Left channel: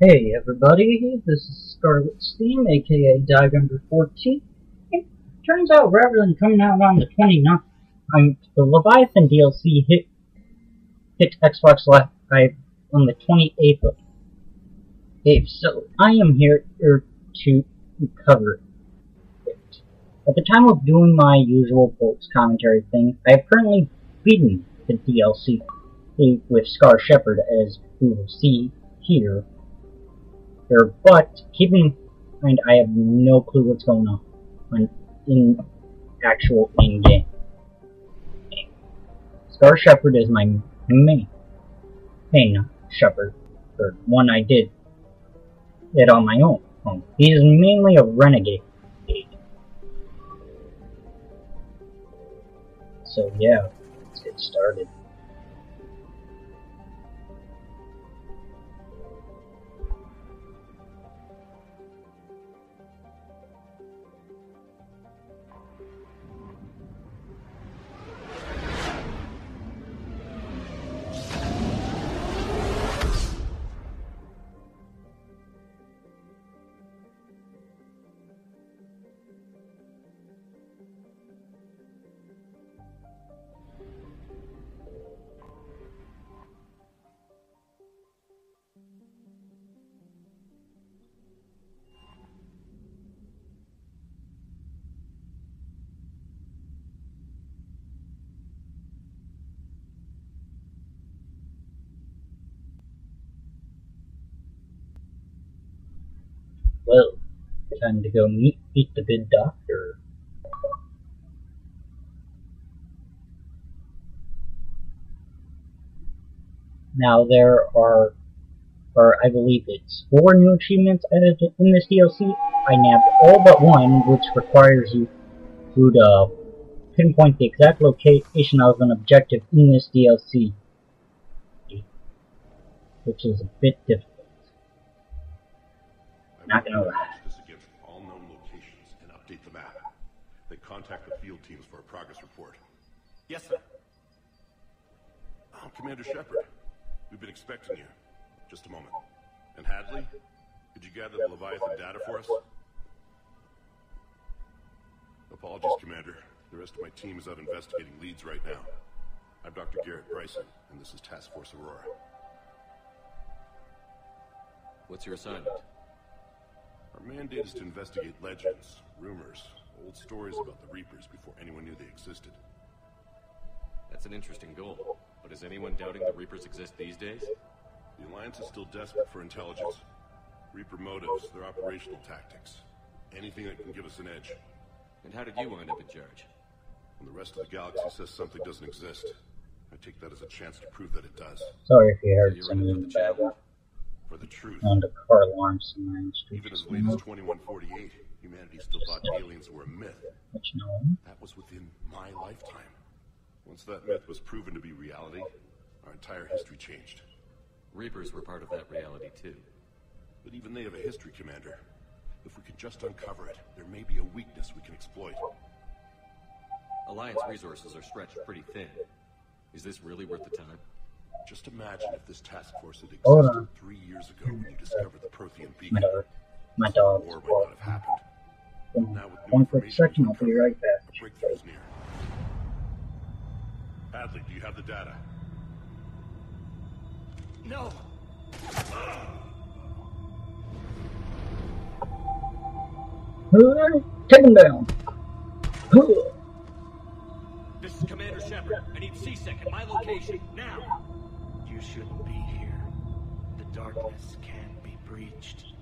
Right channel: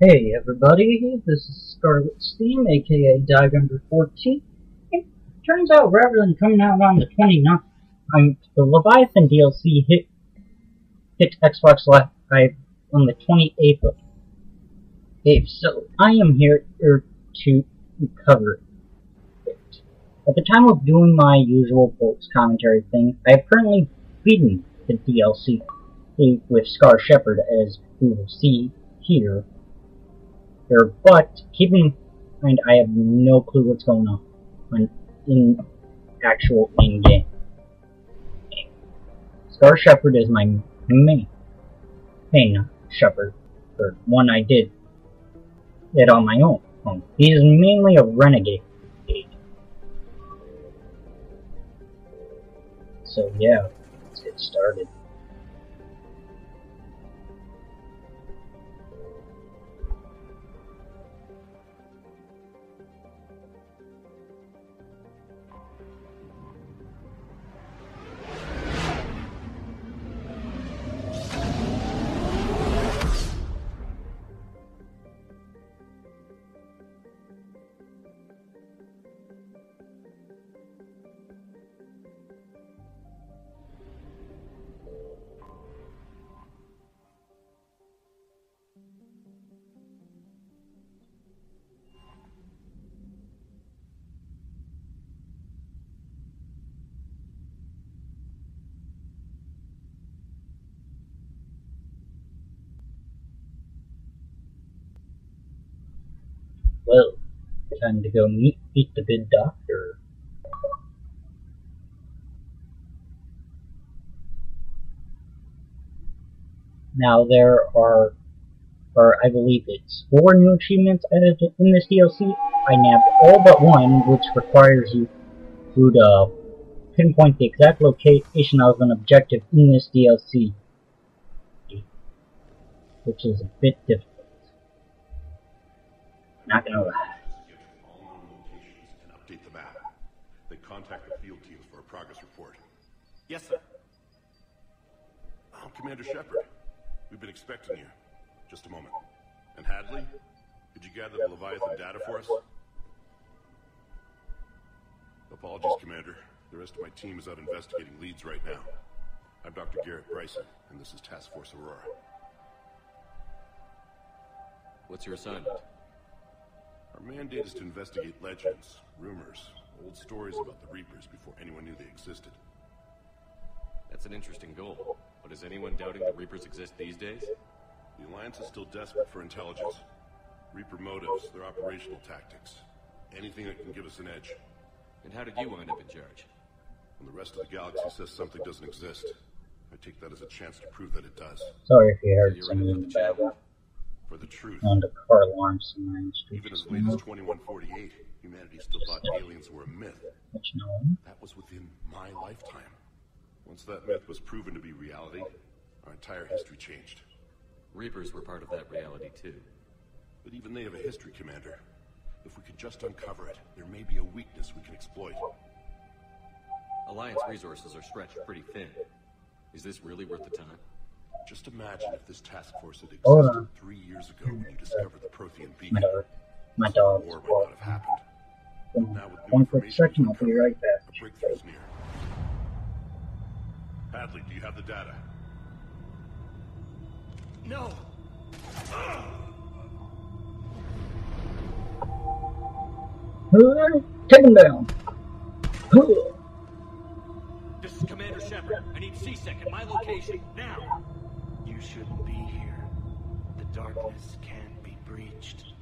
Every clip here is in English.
Hey everybody, this is Scarlet Steam, aka Dive 14. It turns out rather than coming out on the 29th, the Leviathan DLC hit Xbox Live on the 28th of April, so I am here to cover it. At the time of doing my usual Bolts commentary thing, I have currently beaten the DLC with Scar Shepherd, as we will see here. But keep in mind, I have no clue what's going on in actual in-game. Scar Shepherd is my main Shepherd, or one I did it on my own. He is mainly a renegade. So yeah, let's get started. Well, time to go meet the good doctor. Now there are, I believe it's 4 new achievements added in this DLC. I nabbed all but one, which requires you to pinpoint the exact location of an objective in this DLC, which is a bit difficult. Not gonna lie. Against all known locations and update the map. Then contact the field teams for progress report. Yes, sir. Oh, Commander Shepard. We've been expecting you. Just a moment. And Hadley, did you gather the Leviathan data for us? Apologies, Commander. The rest of my team is out investigating leads right now. I'm Dr. Garrett Bryson, and this is Task Force Aurora. What's your assignment? Our mandate is to investigate legends, rumors, old stories about the Reapers before anyone knew they existed. That's an interesting goal. But is anyone doubting the Reapers exist these days? The Alliance is still desperate for intelligence. Reaper motives, their operational tactics. Anything that can give us an edge. And how did you wind up in charge? When the rest of the galaxy says something doesn't exist, I take that as a chance to prove that it does. Sorry if you heard You're some in it of for the the channel. For the truth. on the car alarms in my street. Even as late as 2148, humanity still thought aliens were a myth. But you know, That was within my lifetime. Once that myth was proven to be reality, our entire history changed. Reapers were part of that reality too. But even they have a history, Commander. If we could just uncover it, there may be a weakness we can exploit. Alliance resources are stretched pretty thin. Is this really worth the time? Just imagine if this task force had Hold existed on. 3 years ago when you discovered the Prothean my beacon. dog, my This dog's war might not have happened. Now with new One quick information second, I'll be right back. the breakthrough is near. Hadley, do you have the data? No. Take him down. This is Commander Shepard. I need C-Sec at my location, now! You shouldn't be here. The darkness can't be breached.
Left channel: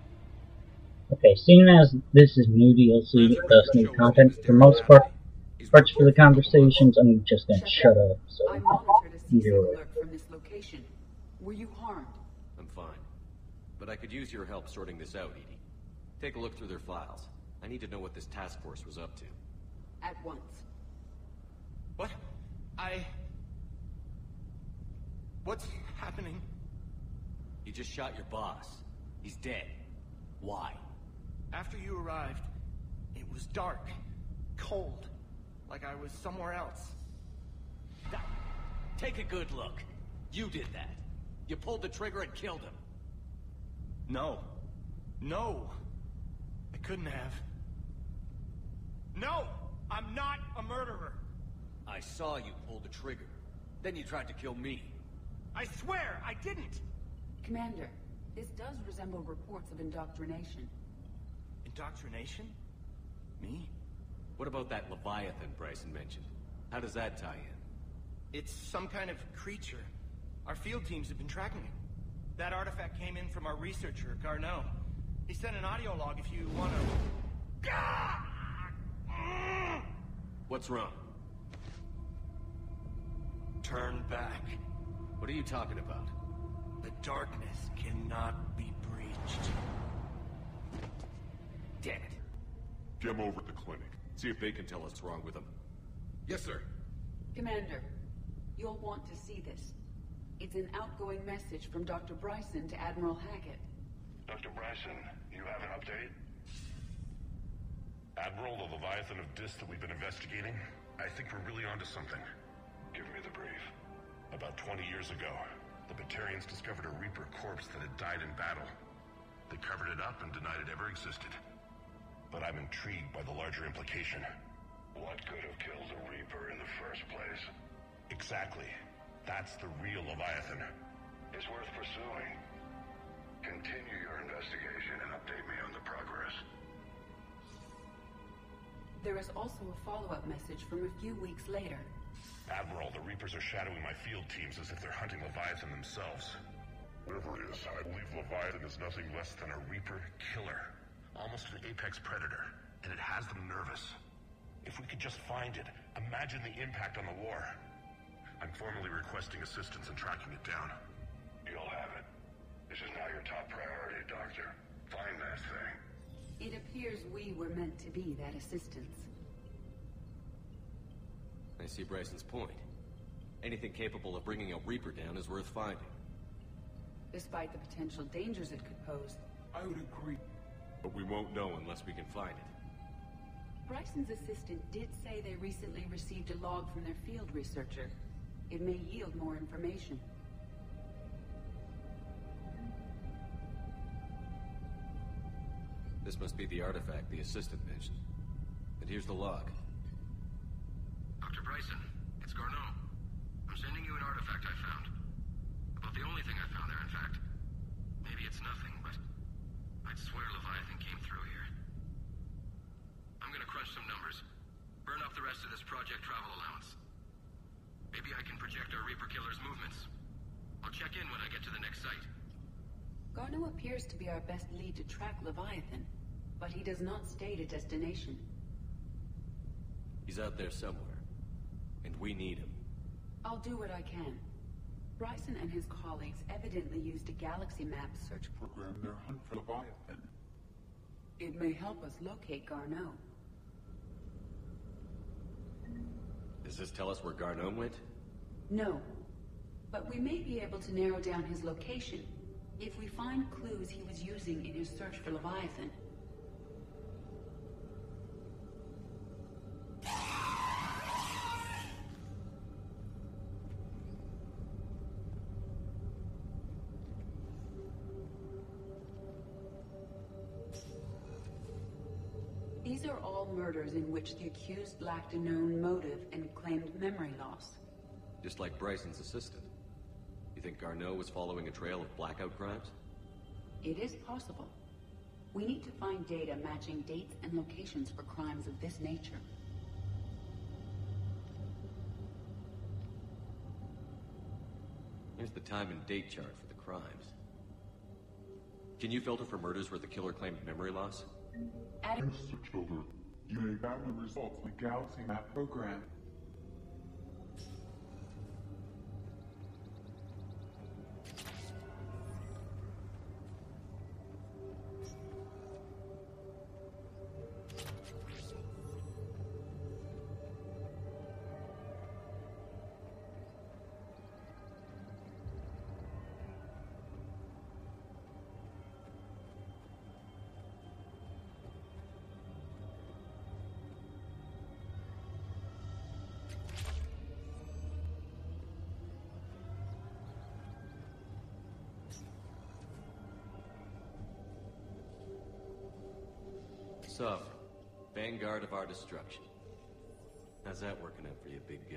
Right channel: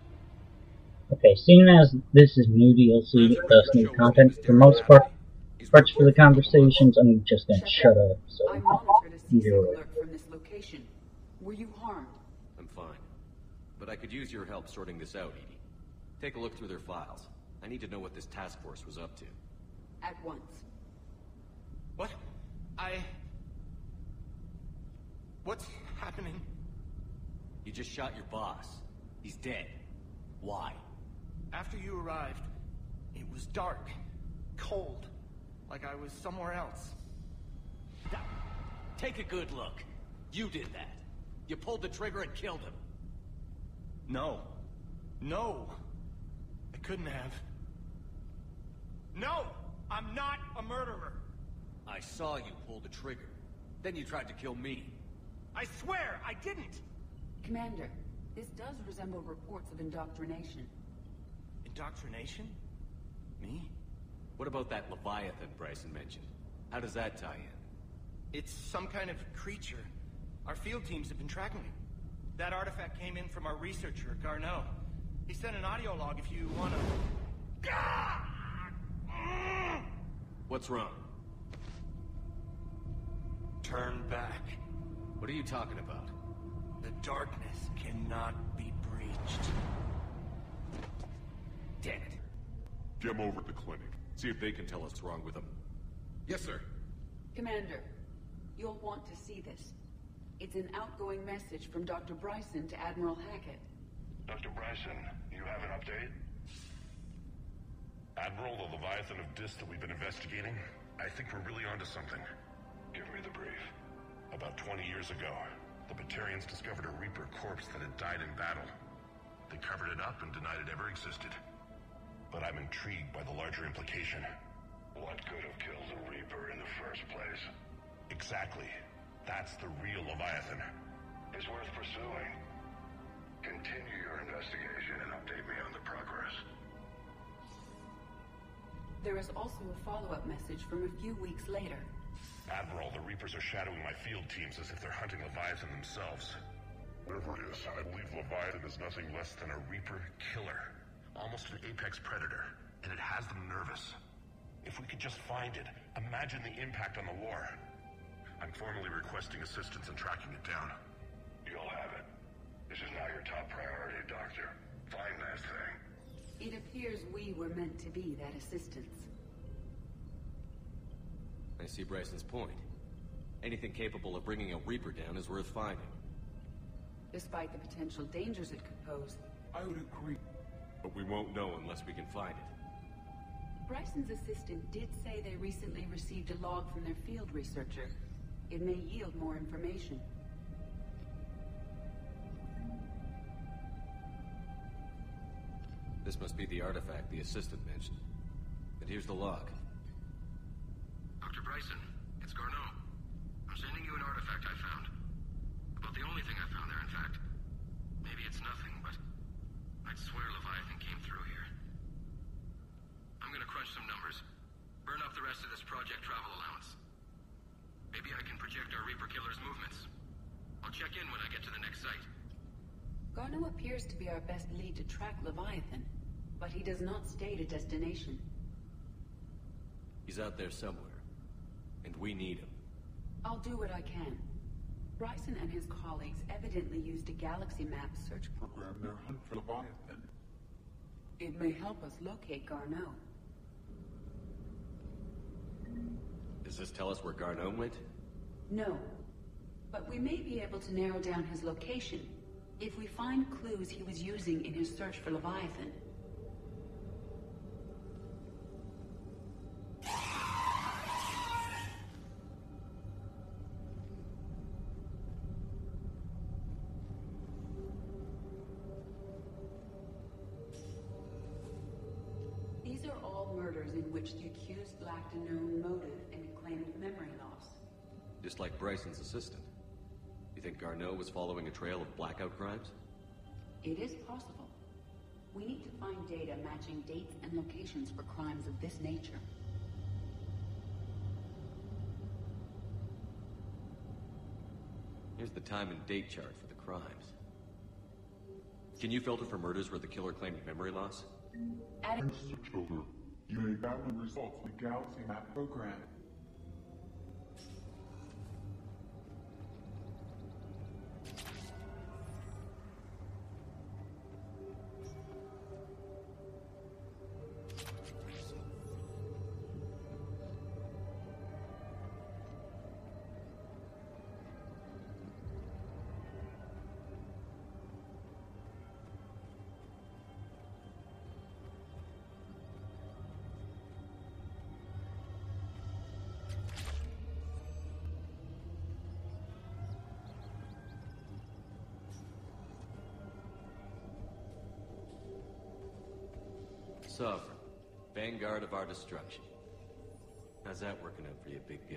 Okay, seeing as this is new DLC, thus new content, for most parts for the conversations, I'm just gonna shut up, so I monitored a C-Sec do it. alert from this location. Were you harmed? I'm fine. But I could use your help sorting this out, Edie. Take a look through their files. I need to know what this task force was up to. At once. What? What's happening? You just shot your boss. He's dead. Why? After you arrived, it was dark, cold, like I was somewhere else. Take a good look. You did that. You pulled the trigger and killed him. No. No! I couldn't have. No! I'm not a murderer! I saw you pull the trigger. Then you tried to kill me. I swear, I didn't! Commander, this does resemble reports of indoctrination. Indoctrination? Me? What about that Leviathan Bryson mentioned? How does that tie in? It's some kind of creature. Our field teams have been tracking it. That artifact came in from our researcher, Garneau. He sent an audio log if you wanna... What's wrong? Turn back. What are you talking about? The darkness cannot be breached. Damn it. Get him over at the clinic. See if they can tell us what's wrong with them. Yes, sir. Commander, you'll want to see this. It's an outgoing message from Dr. Bryson to Admiral Hackett. Dr. Bryson, you have an update? Admiral, the Leviathan of Dis that we've been investigating, I think we're really onto something. Give me the brief. About 20 years ago, the Batarians discovered a Reaper corpse that had died in battle. They covered it up and denied it ever existed. But I'm intrigued by the larger implication. What could have killed the Reaper in the first place? Exactly. That's the real Leviathan. It's worth pursuing. Continue your investigation and update me on the progress. There is also a follow-up message from a few weeks later. Admiral, the Reapers are shadowing my field teams as if they're hunting Leviathan themselves. Whatever it is, I believe Leviathan is nothing less than a Reaper killer. Almost an apex predator, and it has them nervous. If we could just find it, imagine the impact on the war. I'm formally requesting assistance in tracking it down. You'll have it. This is now your top priority, Doctor. Find that thing. It appears we were meant to be that assistance. I see Bryson's point. Anything capable of bringing a Reaper down is worth finding. Despite the potential dangers it could pose, I would agree. But we won't know unless we can find it. Bryson's assistant did say they recently received a log from their field researcher. It may yield more information. This must be the artifact the assistant mentioned. And here's the log. Dr. Bryson, it's Garneau. I'm sending you an artifact I found. About the only thing I found there, in fact. Maybe it's nothing, but I'd swear Leviathan came through here. I'm gonna crunch some numbers. Burn up the rest of this project travel allowance. Maybe I can project our Reaper killer's movements. I'll check in when I get to the next site. Garneau appears to be our best lead to track Leviathan, but he does not state a destination. He's out there somewhere, and we need him. I'll do what I can. Bryson and his colleagues evidently used a galaxy map search Program their hunt for Leviathan. It may help us locate Garneau. Does this tell us where Garneau went? No, but we may be able to narrow down his location if we find clues he was using in his search for Leviathan. These are all murders in which the accused lacked a known motive and claimed memory loss. Just like Bryson's assistant. You think Garneau was following a trail of blackout crimes? It is possible. We need to find data matching dates and locations for crimes of this nature. Here's the time and date chart for the crimes. Can you filter for murders where the killer claimed memory loss? Adding Mr. Childer, you may examine the results in the Galaxy Map program. Sovereign. Vanguard of our destruction. How's that working out for you, big guy?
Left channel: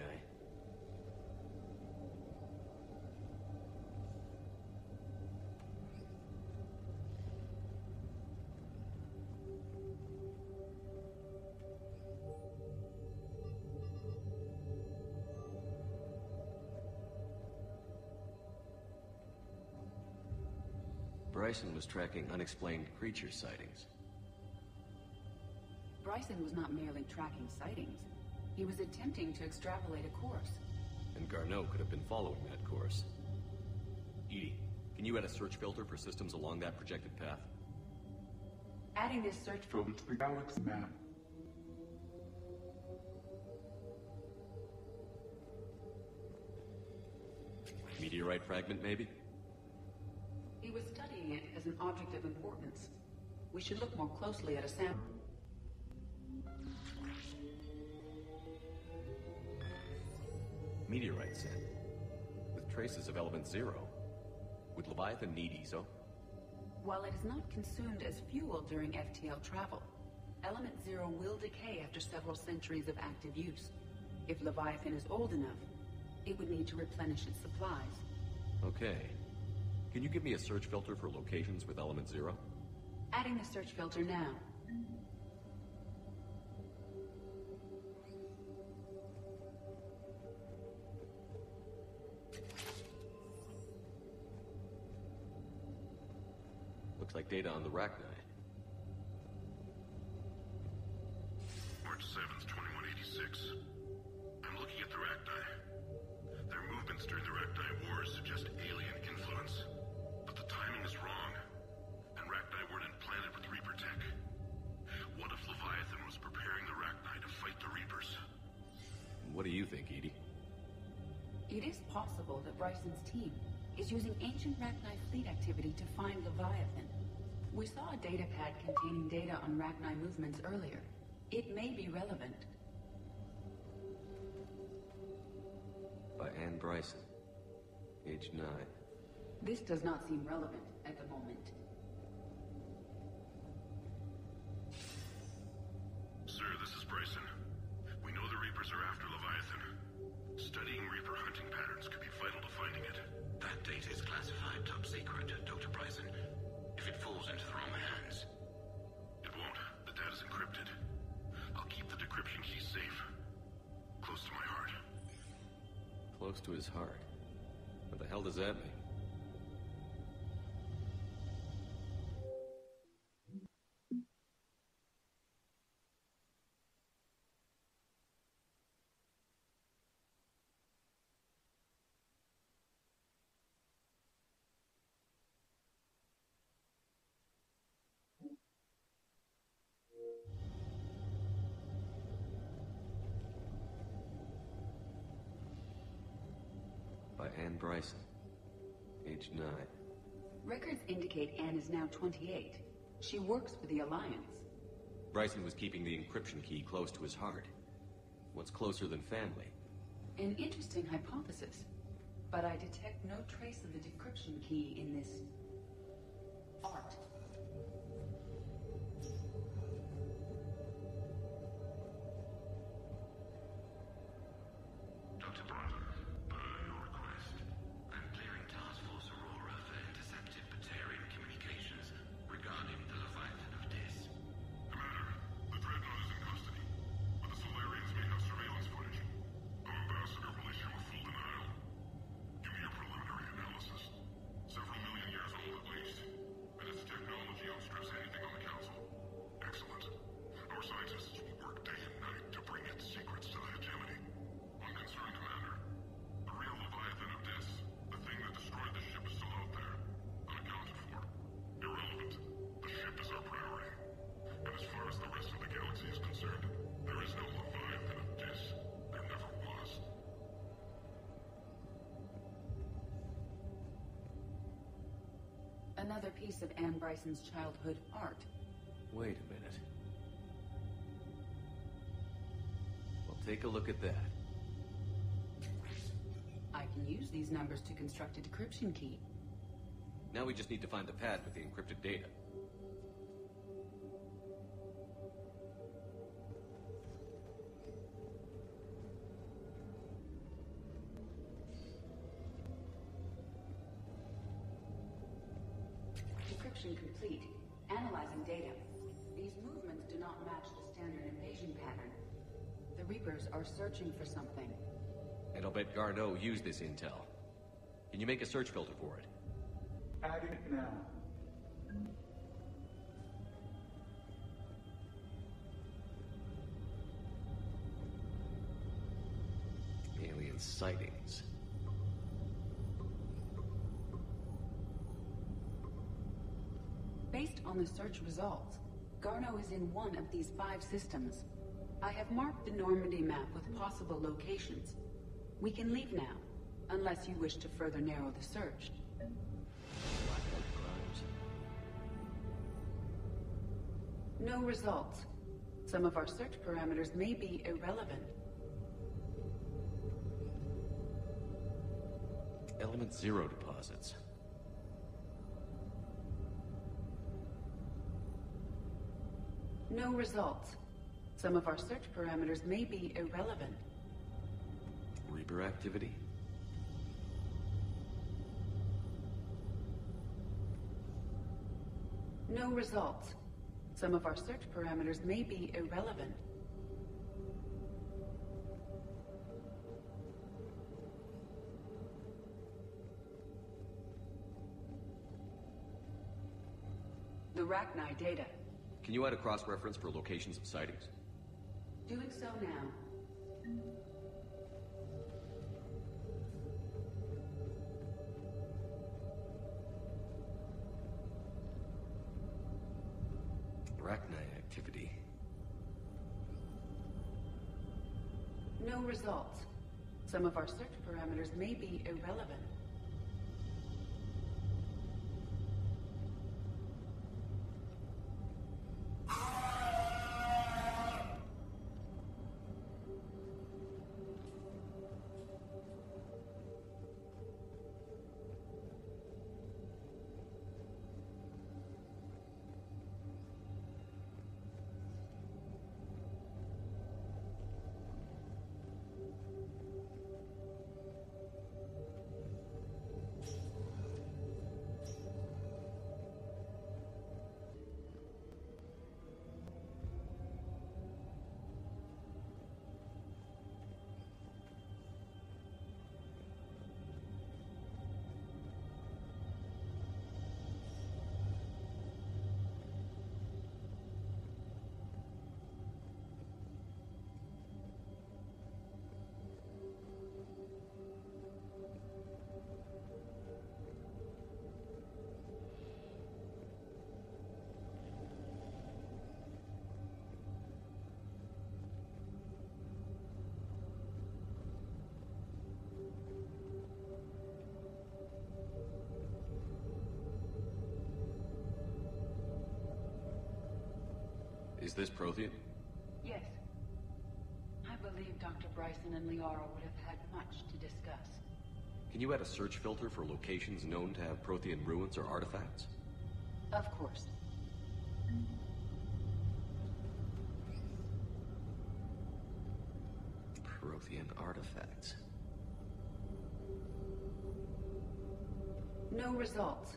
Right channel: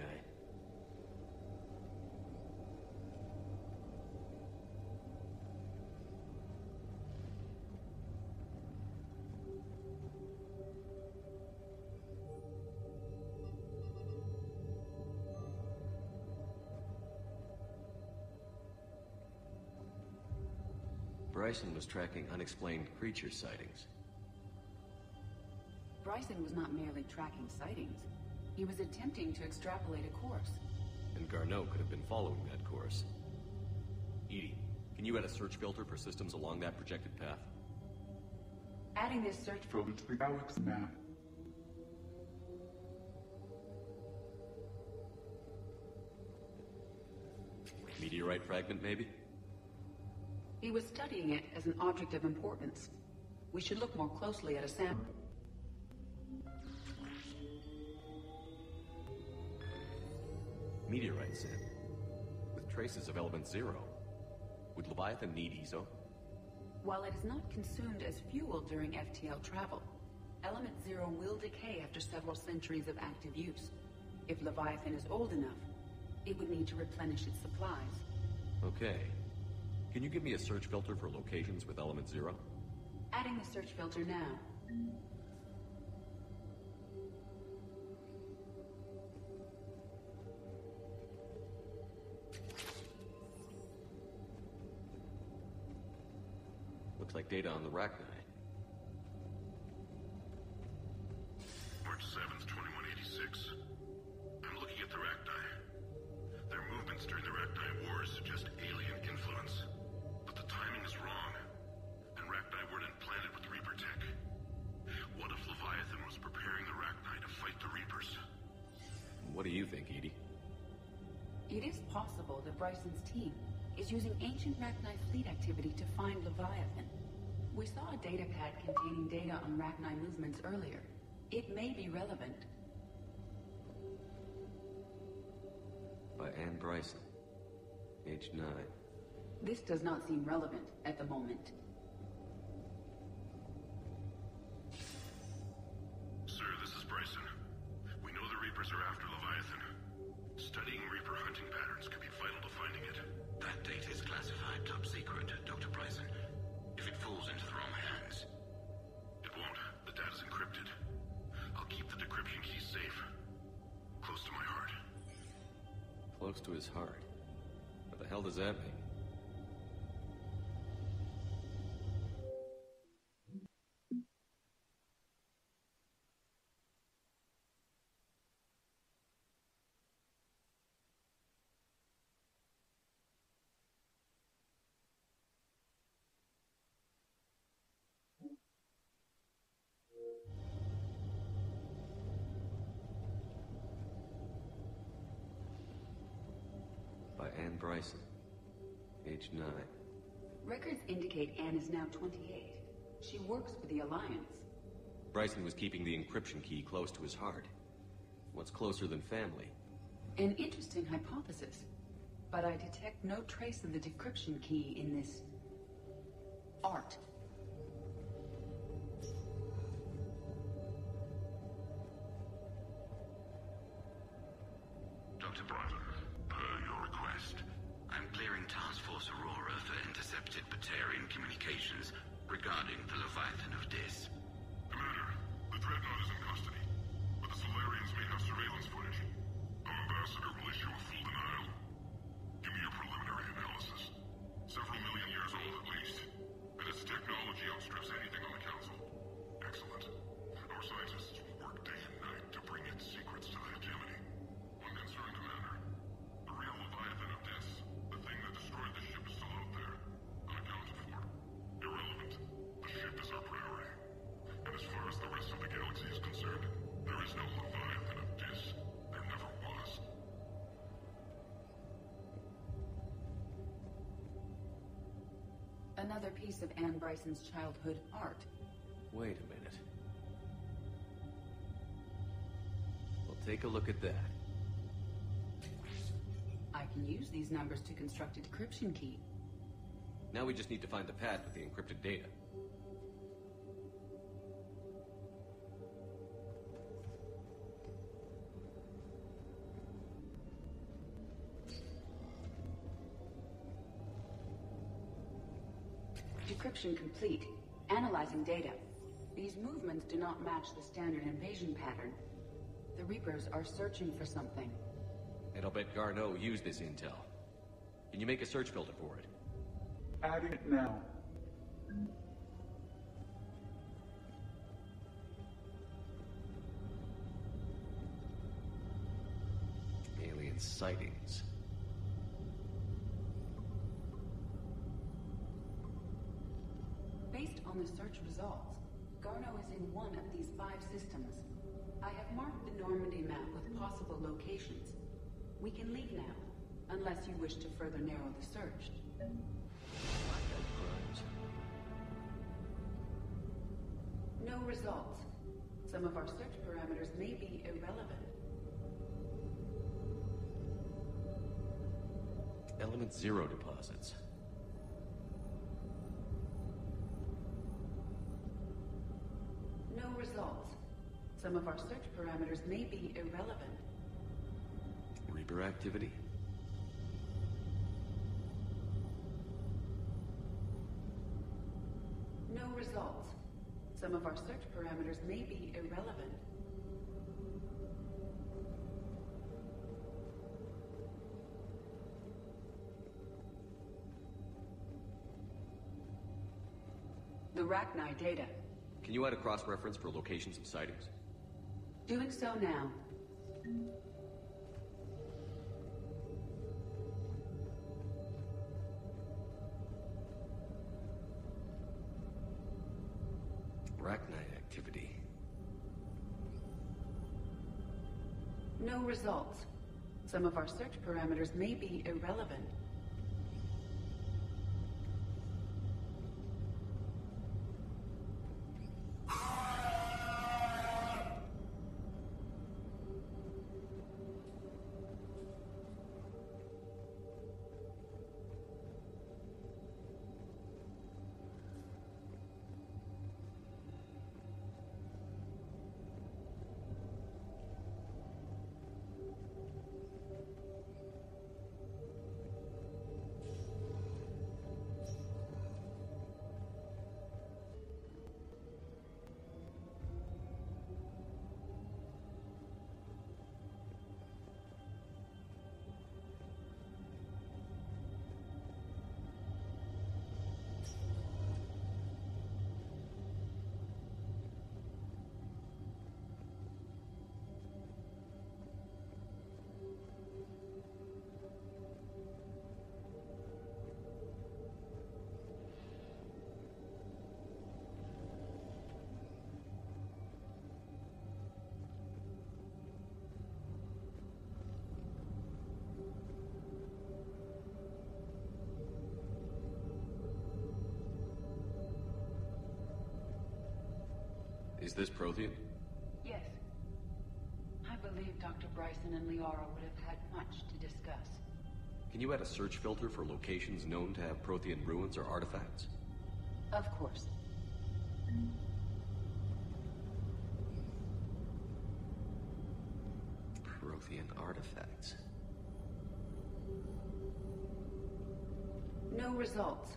Bryson was tracking unexplained creature sightings. Bryson was not merely tracking sightings. He was attempting to extrapolate a course. And Garneau could have been following that course. EDI, can you add a search filter for systems along that projected path? Adding this search Filter to the galaxy map. Meteorite fragment, maybe? He was studying it as an object of importance. We should look more closely at a sample. Meteorite sample. With traces of element 0. Would Leviathan need ESO? While it is not consumed as fuel during FTL travel, element 0 will decay after several centuries of active use. If Leviathan is old enough, it would need to replenish its supplies. Okay. Can you give me a search filter for locations with element 0? Adding the search filter now. Looks like data on the Rachni. March 7th, 2186. I'm looking at the Rachni. Their movements during the Rachni Wars suggest alien influence. But the timing is wrong. And Rachni weren't implanted with Reaper tech. What if Leviathan was preparing the Rachni to fight the Reapers? What do you think, EDI? It is possible that Bryson's team is using ancient Rachni fleet activity to find Leviathan. We saw a datapad containing data on Rachni movements earlier. It may be relevant. By Anne Bryson. Age 9. This does not seem relevant at the moment. Sir, this is Bryson. We know the Reapers are after Leviathan. Studying Reaper hunting patterns could be vital to finding it. That data is classified top secret, Dr. Bryson. If it falls into the wrong hands... It won't. The data's encrypted. I'll keep the decryption key safe. Close to my heart. Close to his heart. What the hell does that mean? By Anne Bryson. Age 9. Records indicate Anne is now 28. She works for the Alliance. Bryson was keeping the encryption key close to his heart. What's closer than family? An interesting hypothesis. But I detect no trace of the decryption key in this... art. Dr. Bryson, per your request. I'm clearing Task Force Aurora for intercepted Batarian communications regarding the Leviathan of Dis. Commander, the Dreadnought is in custody, but the Solarians may have surveillance footage. Our ambassador will issue a full denial. Give me your preliminary analysis. Several million years old at least, and its technology outstrips anything on the Council. Excellent. Our scientists will work day and night to bring its secrets to the hegemony. One concern, Commander. The real Leviathan of Dis, the thing that destroyed the ship, is still out there, unaccounted for. Irrelevant. The ship is our priority. And as far as the rest of the galaxy is concerned, there is no Leviathan of Dis. There never was. Another piece of Anne Bryson's childhood art. Wait a minute. Well, take a look at that. I can use these numbers to construct a decryption key. Now we just need to find the pad with the encrypted data. Decryption complete. Analyzing data. These movements do not match the standard invasion pattern. The Reapers are searching for something. And I'll bet Garneau used this intel. Can you make a search filter for it? Adding it now. Alien sightings. Based on the search results, Garneau is in one of these 5 systems. I have marked the Normandy map with possible locations. We can leave now, unless you wish to further narrow the search. Blackout crimes. No results. Some of our search parameters may be irrelevant. Element 0 deposits. No results. Some of our search parameters may be irrelevant. Reaper activity. No results. Some of our search parameters may be irrelevant. The Rachni data. Can you add a cross-reference for locations of sightings? Doing so now. Rachni activity. No results. Some of our search parameters may be irrelevant. Is this Prothean? Yes. I believe Dr. Bryson and Leora would have had much to discuss. Can you add a search filter for locations known to have Prothean ruins or artifacts? Of course. Prothean artifacts. No results.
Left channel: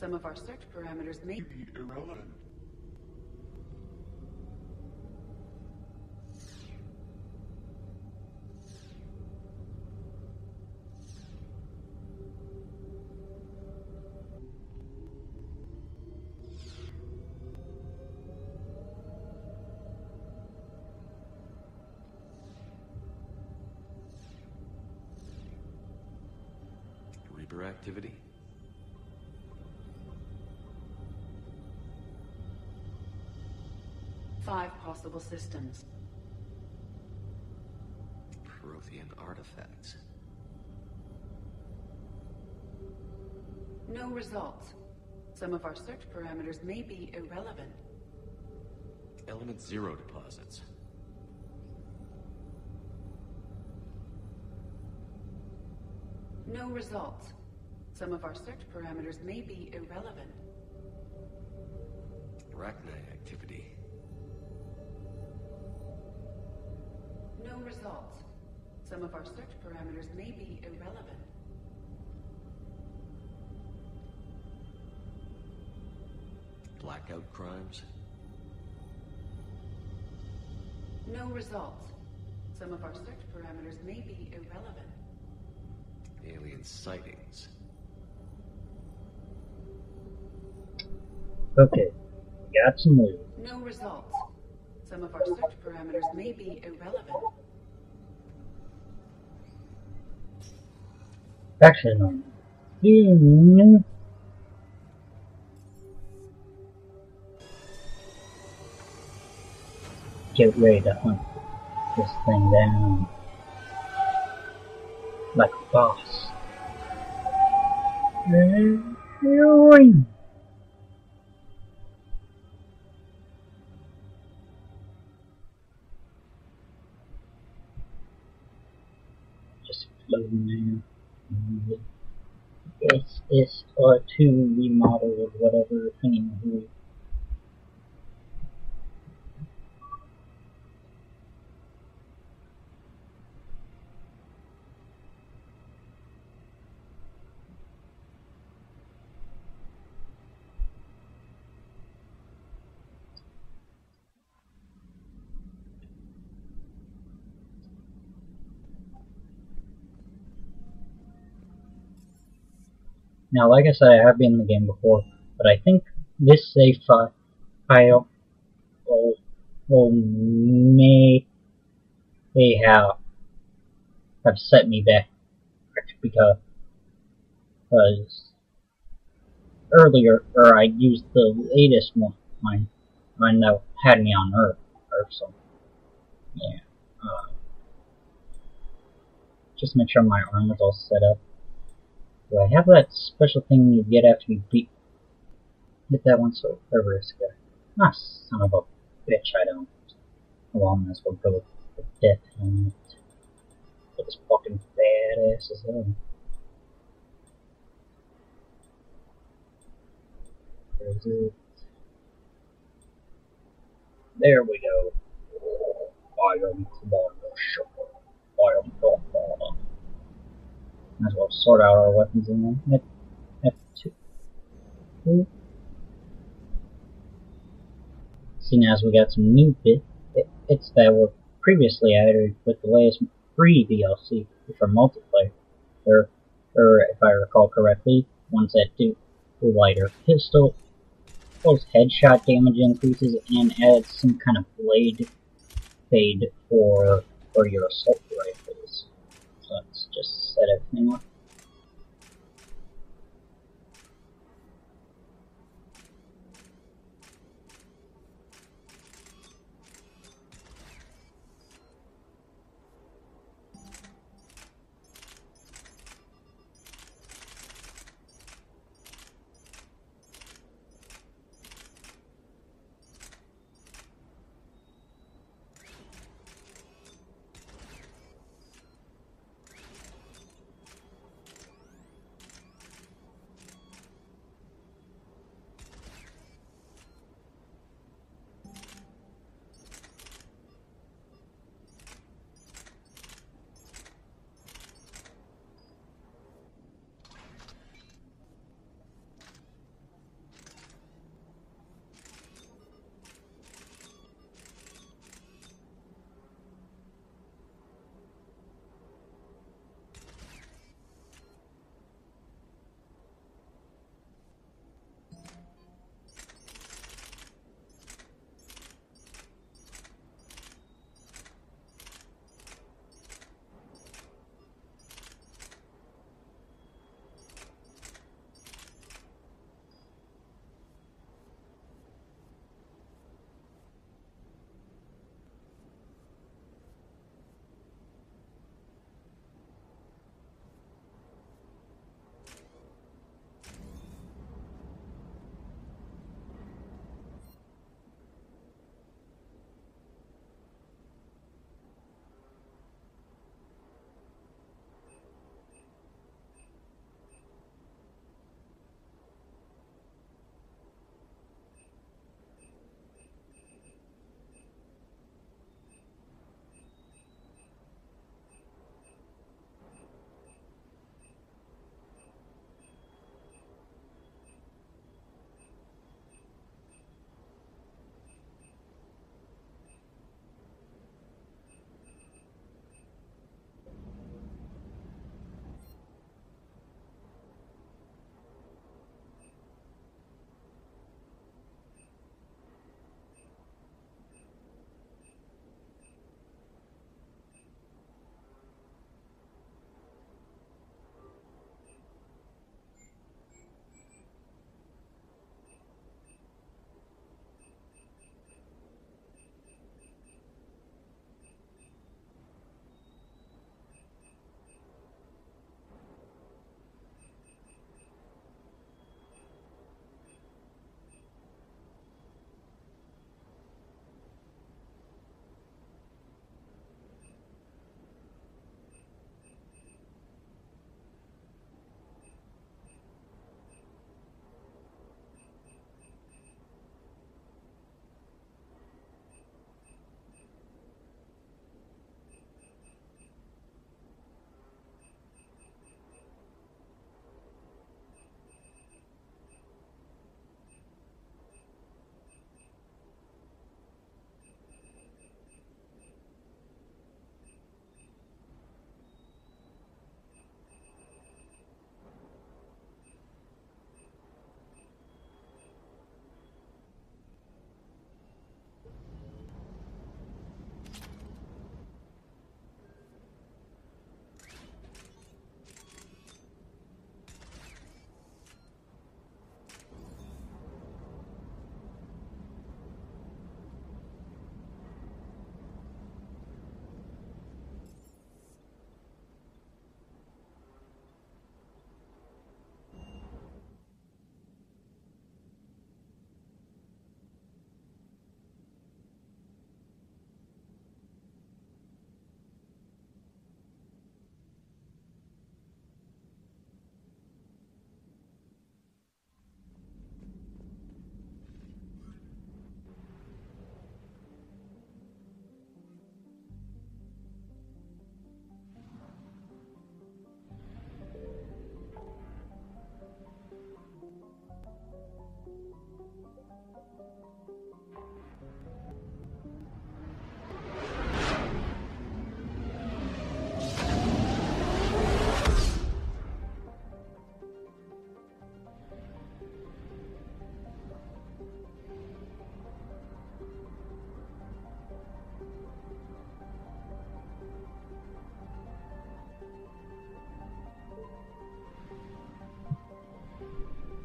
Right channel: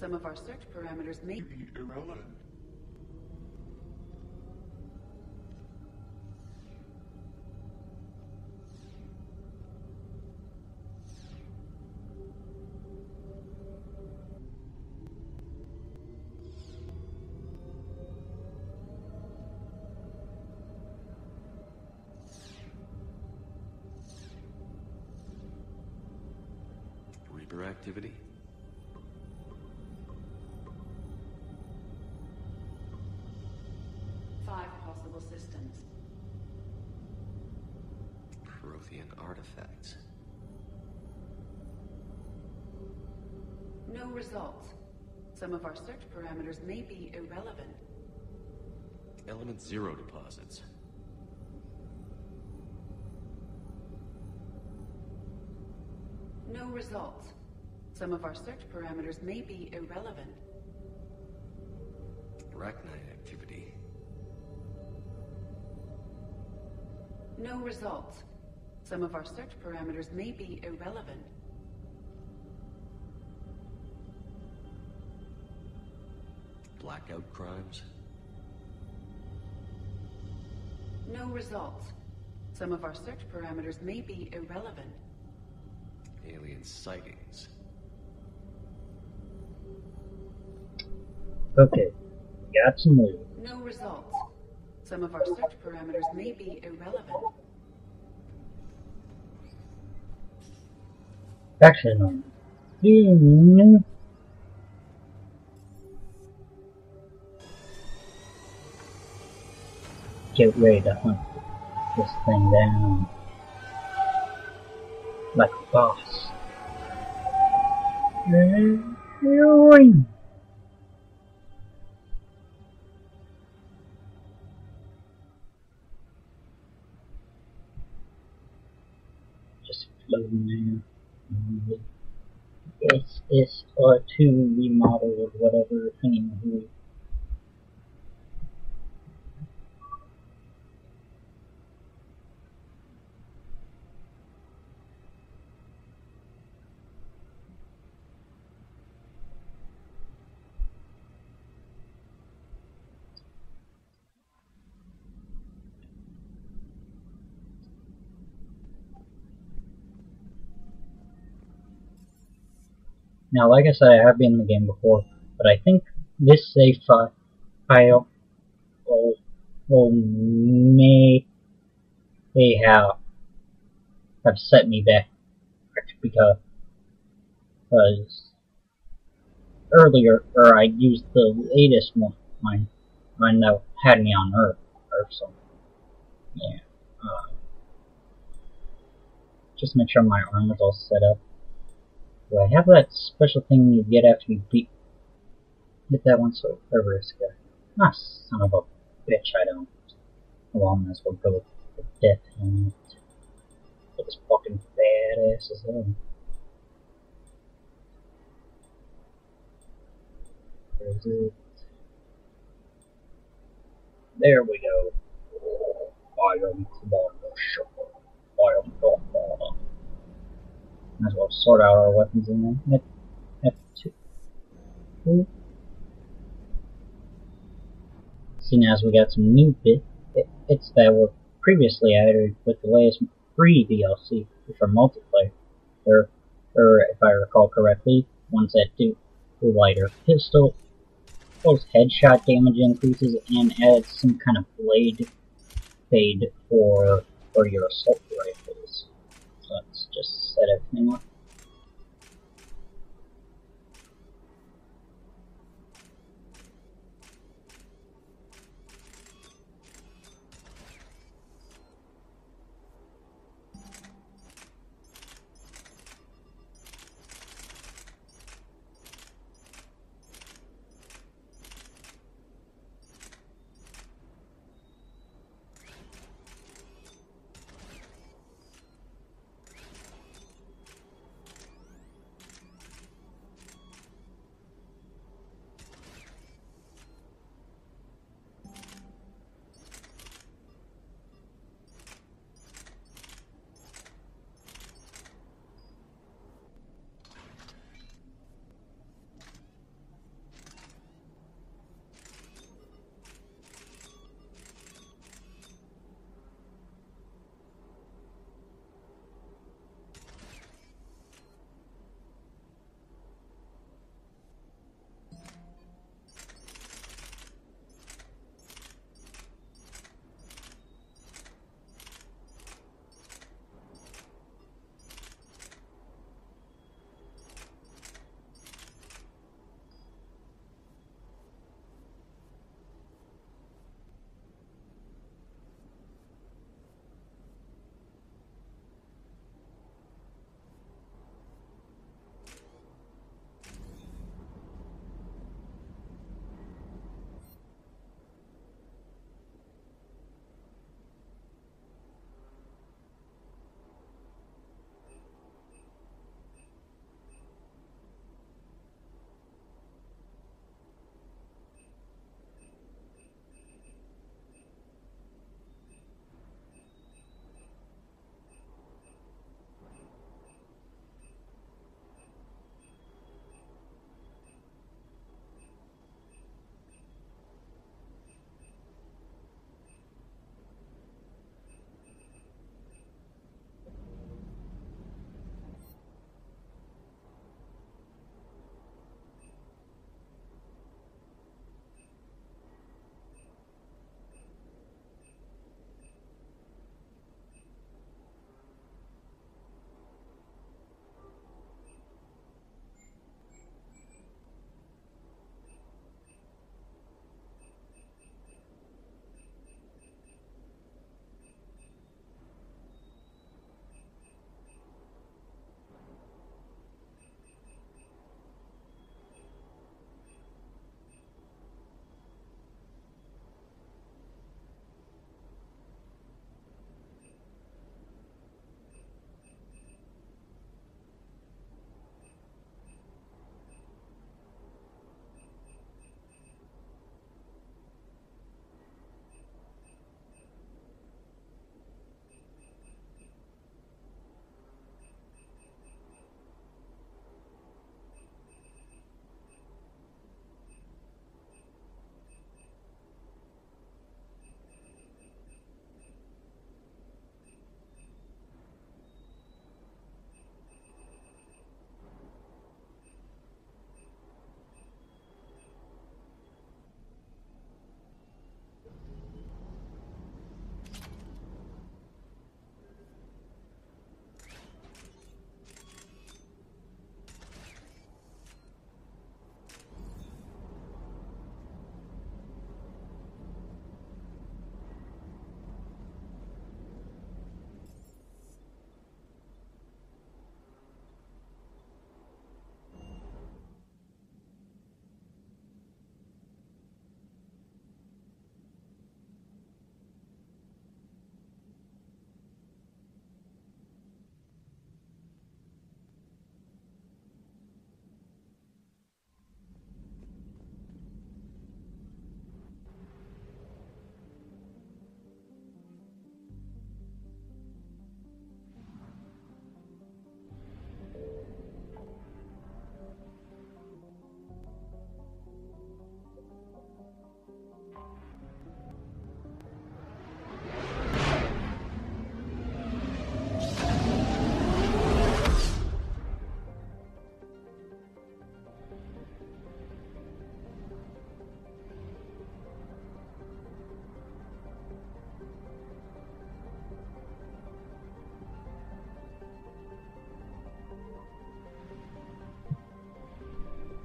Some of our search parameters may be irrelevant. Reaper activity. 5 possible systems. Prothean artifacts. No results. Some of our search parameters may be irrelevant. Element 0 deposits. No results. Some of our search parameters may be irrelevant. Rachni activity. No results. Some of our search parameters may be irrelevant. blackout crimes? No results. Some of our search parameters may be irrelevant. Alien sightings. Okay, we got some news. No results. Some of our search parameters may be irrelevant. Actually, no. Get ready to hunt this thing down like a boss. Just floating there. SS2 remodeled or whatever. Anywho. Now, like I said, I have been in the game before, but I think this save file may have set me back because earlier, I used the latest one that had me on Earth, so yeah. Just make sure my armor's all set up. Do I have that special thing you get after you hit that one so risk? Ah, son of a bitch, I don't. Well, I might as well go with the death helmet. Looks fucking badass as hell. Where is it? There we go. I am Commander Shepard. I am Godfather. Might as well sort out our weapons in there. F2. Seeing as we got some new bits that were previously added with the latest free DLC for multiplayer. Or if I recall correctly, ones that do lighter pistol, those headshot damage increases, and added some kind of blade fade for your assault rifles. So let's just set everything up.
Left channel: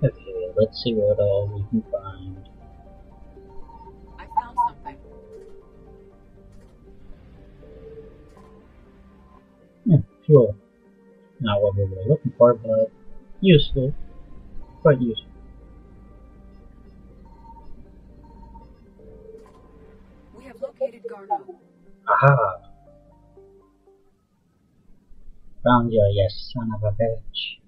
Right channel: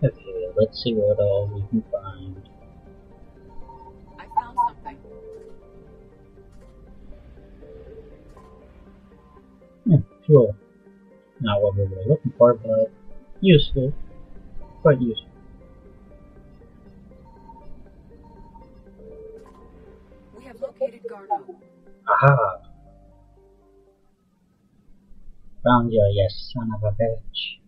Okay, let's see what all we can find. I found something. Fuel. Not what we were looking for, but useful. Quite useful. We have located Garneau. Aha! Found you, you son of a bitch.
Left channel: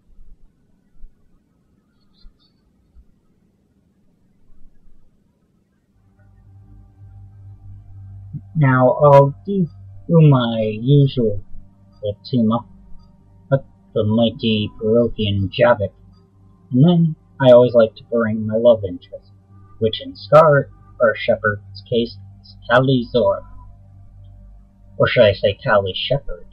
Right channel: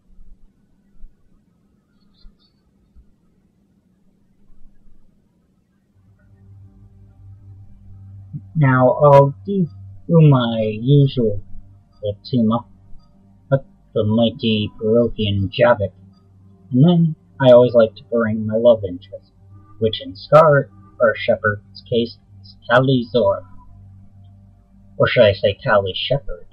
Now I'll do my usual team up with the mighty Peruvian Javik, and then I always like to bring my love interest, which in Scar, or Shepard's case, is Kali Zora. Or should I say Kali Shepard?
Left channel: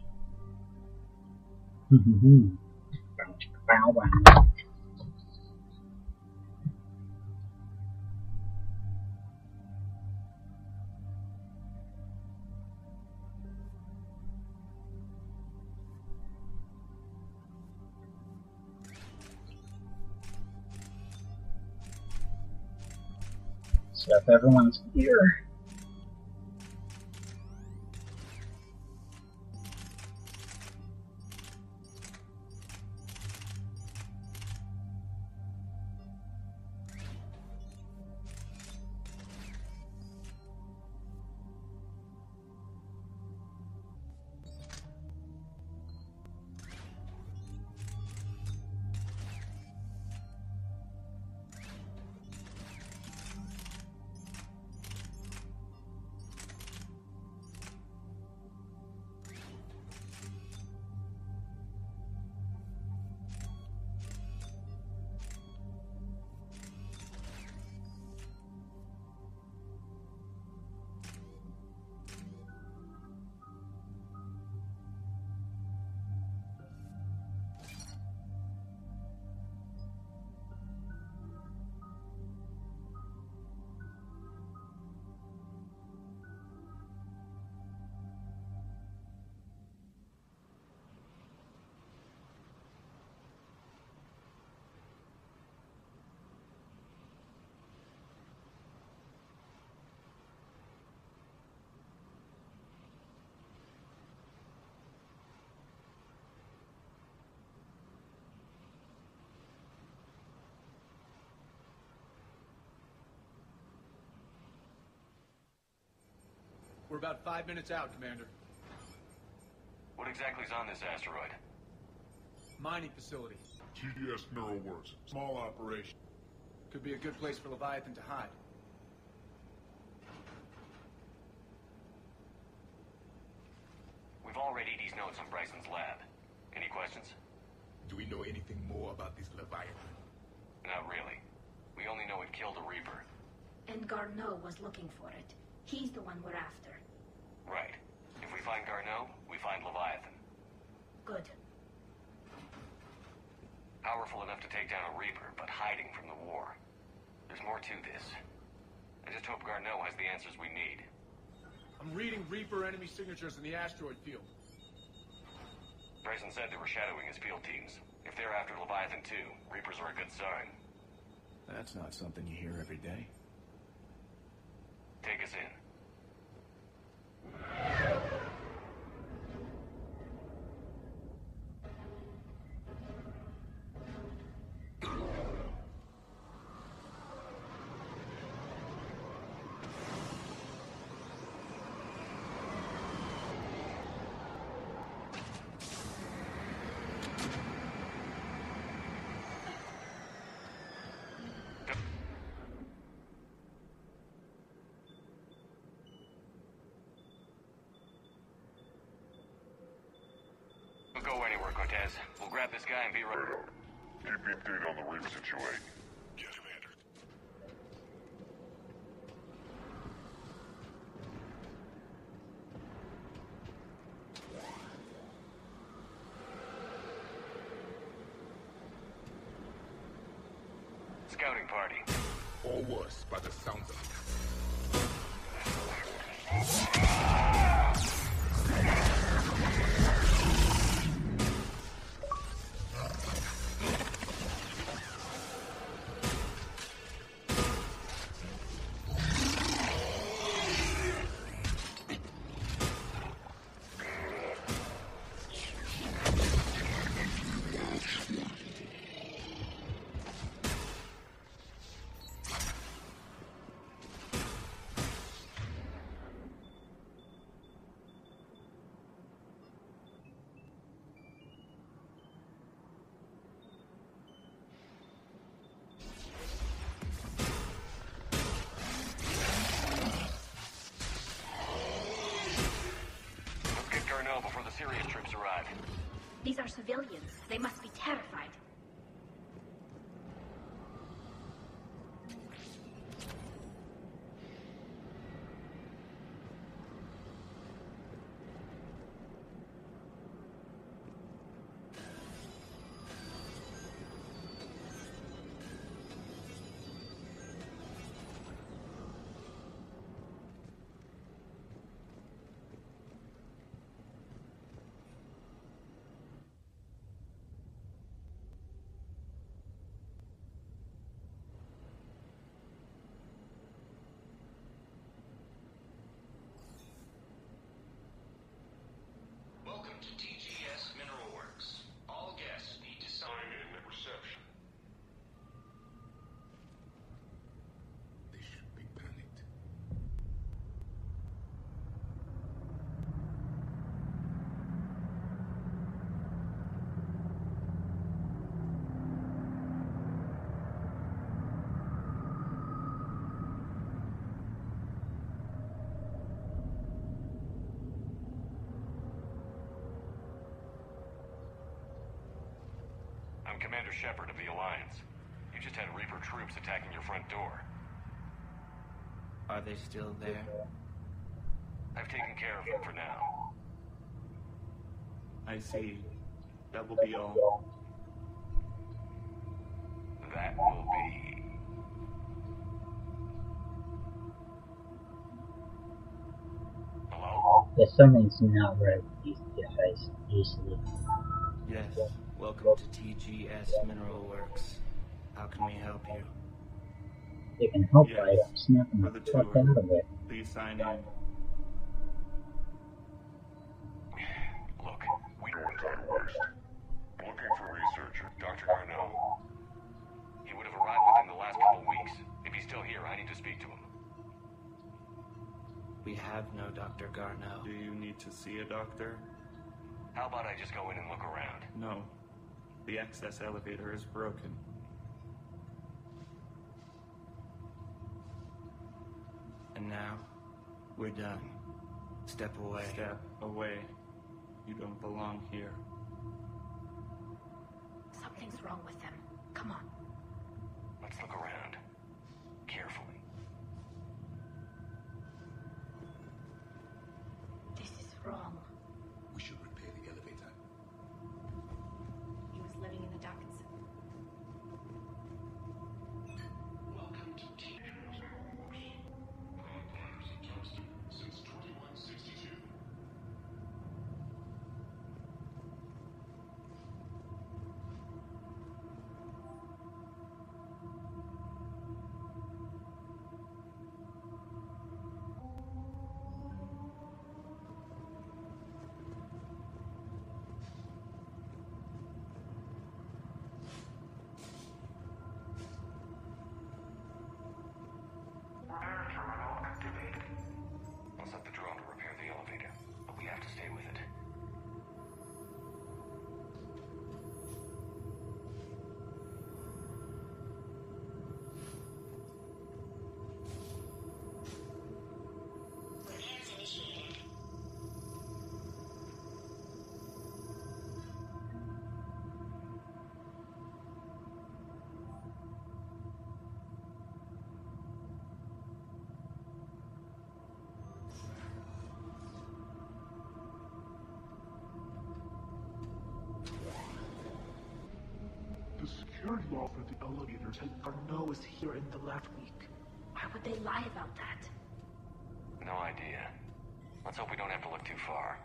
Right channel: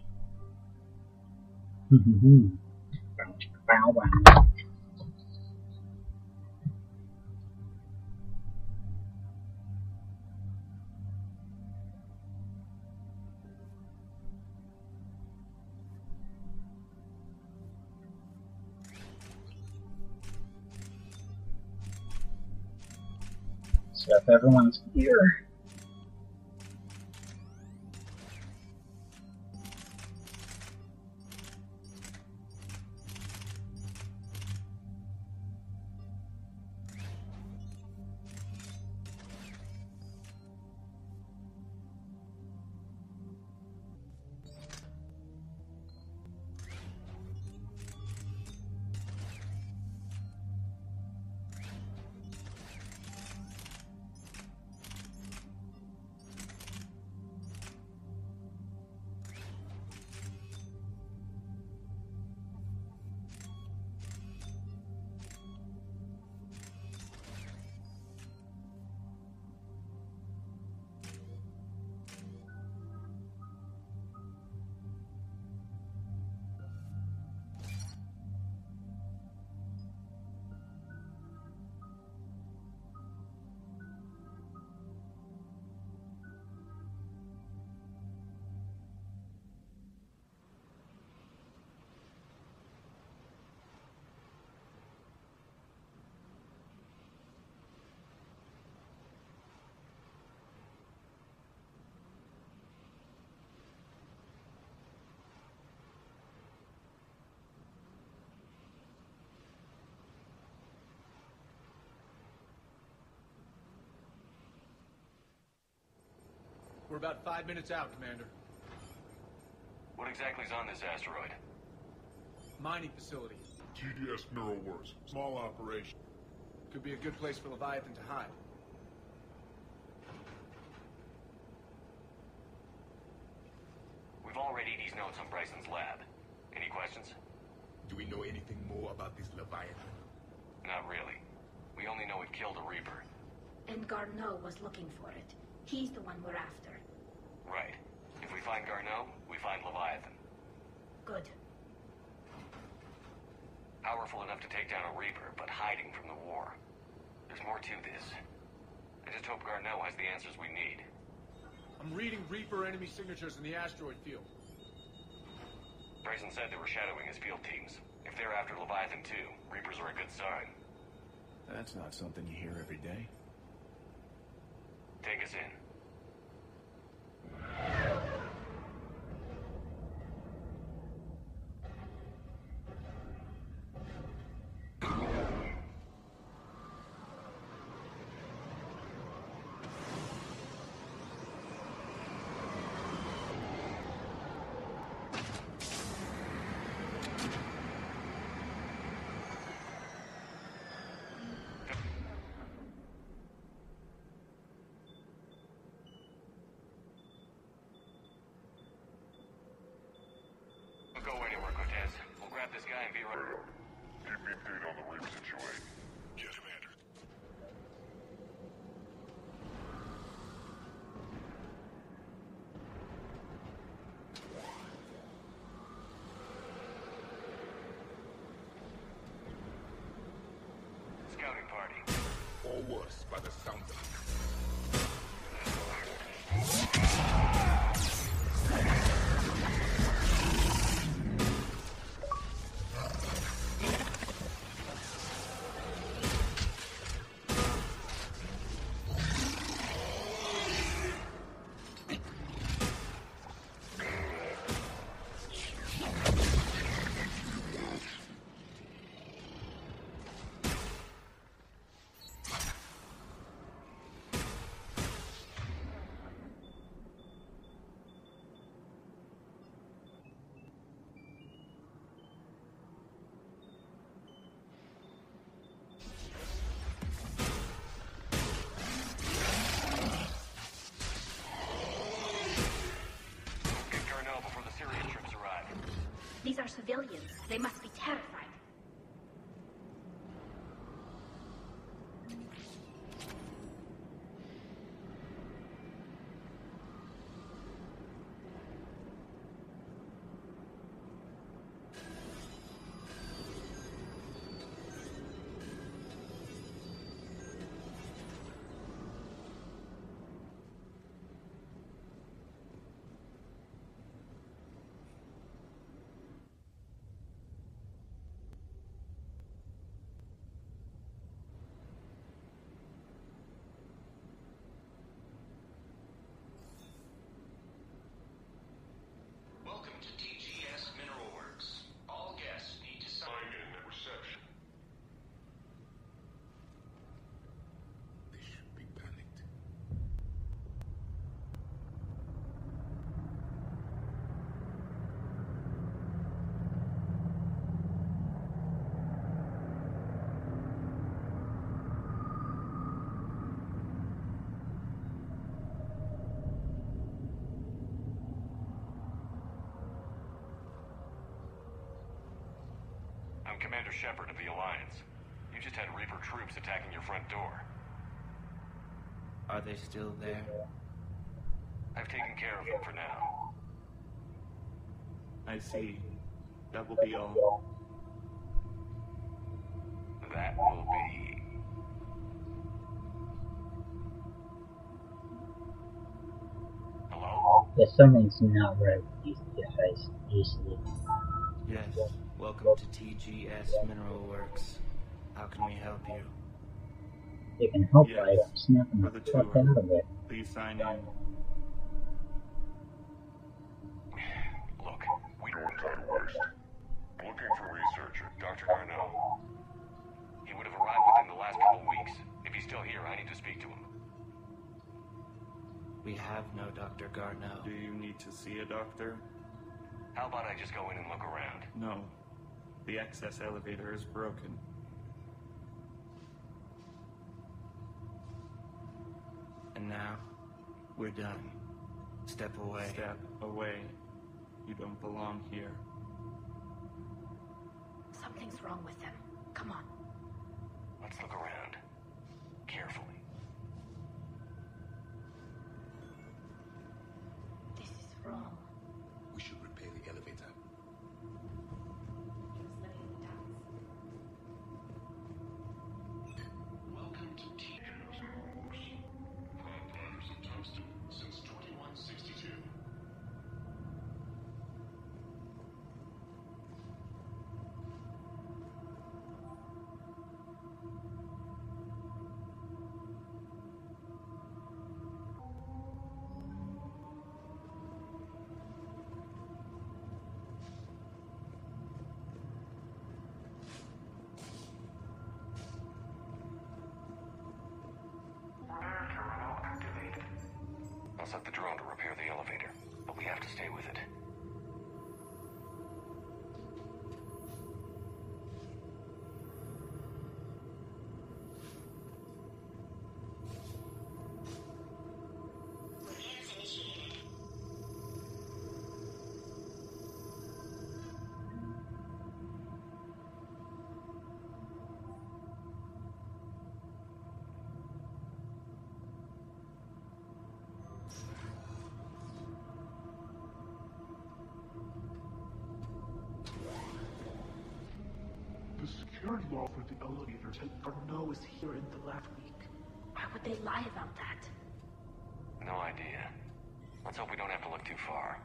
Set up everyone's gear. We're about 5 minutes out, Commander. What exactly is on this asteroid? Mining facility. TDS Neural Works. Small operation. Could be a good place for Leviathan to hide. We've all read Edie's notes on Bryson's lab. Any questions? Do we know anything more about this Leviathan? Not really. We only know it killed a Reaper. And Garneau was looking for it. He's the one we're after. Right. If we find Garneau, we find Leviathan. Good. Powerful enough to take down a Reaper, but hiding from the war. There's more to this. I just hope Garneau has the answers we need. I'm reading Reaper enemy signatures in the asteroid field. Bryson said they were shadowing his field teams. If they're after Leviathan too, Reapers are a good sign. That's not something you hear every day. Take us in. Don't go anywhere, Cortez. We'll grab this guy and be right. Keep me updated on the Reaper situation. Yes, Commander. Scouting party. Or worse, by the sound of it. till his troops arrive. These are civilians. They must be terrified. Welcome to TGS Mineral Works. All guests need to sign in at reception. They should be panicked. I'm Commander Shepard of the Alliance. You just had Reaper troops attacking your front door. Are they still there? I've taken care of them for now. I see. That will be all. That will be... Hello? Yeah, something's not right with these guys, easily. Yes. Welcome to TGS Mineral Works. How can we help you? They can help Yes, by snapping for the the fuck tour. out of it. Please sign in. Look, we... No time to waste. I'm looking for a researcher. Dr. Garneau. He would have arrived within the last couple weeks. If he's still here, I need to speak to him. We have no Dr. Garneau. Do you need to see a doctor? How about I just go in and look around? No. The access elevator is broken. And now, we're done. Step away. Step away. You don't belong here. Something's wrong with them. Come on. Let's look around. Carefully. This is wrong. We should repair the elevator. He was living in the ducts. Welcome to TGS Mineral Works. Proud providers of tungsten since 2162. I'll set the drone to repair the elevator, but we have to stay with it. Repairs initiated. The security law for the elevator said Garneau was here in the last week. Why would they lie about that? No idea. Let's hope we don't have to look too far.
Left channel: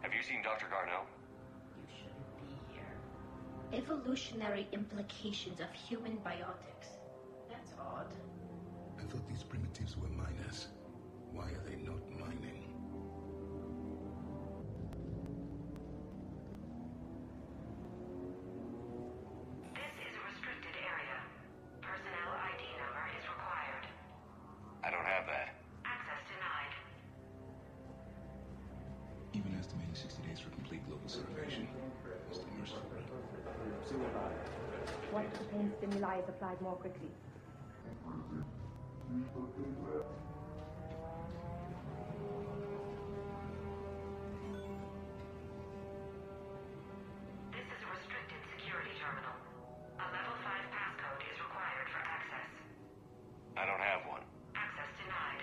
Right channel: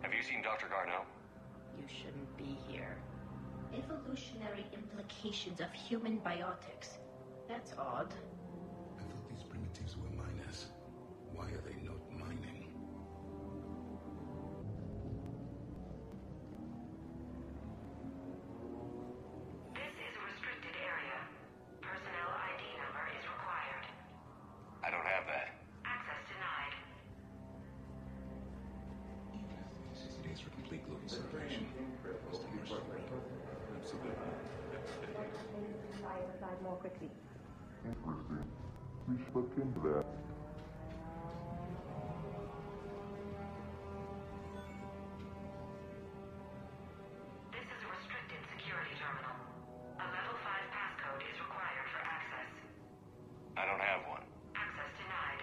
Have you seen Dr. Garneau? You shouldn't be here. Evolutionary implications of human biotics. That's odd. I thought these primitives were miners. Why are they not mining? This is a restricted area. Personnel ID number is required. I don't have that. Access denied. Even as the main system is complete. The training came critical before psychosis is too high. What the pain stimuli of the plasmography? Everything. We should look into that. This is a restricted security terminal. A level 5 passcode is required for access. I don't have one. Access denied.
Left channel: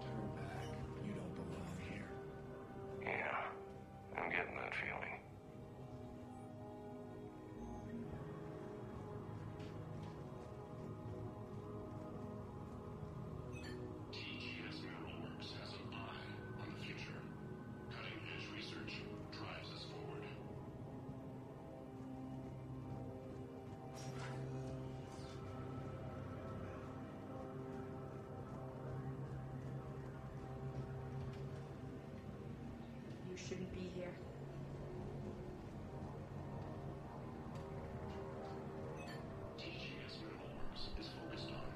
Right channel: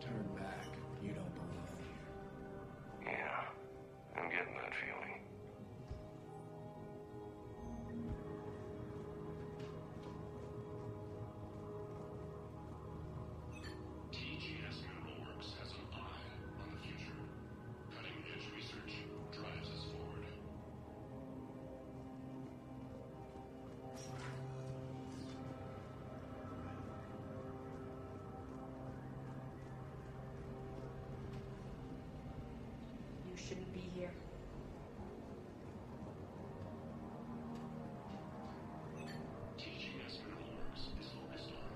Turn back. You don't belong here. Yeah, I'm getting that feeling. TGS Mineral Works has an eye on the future. Cutting-edge research drives us forward. You shouldn't be here. TGS Mineral Works is focused on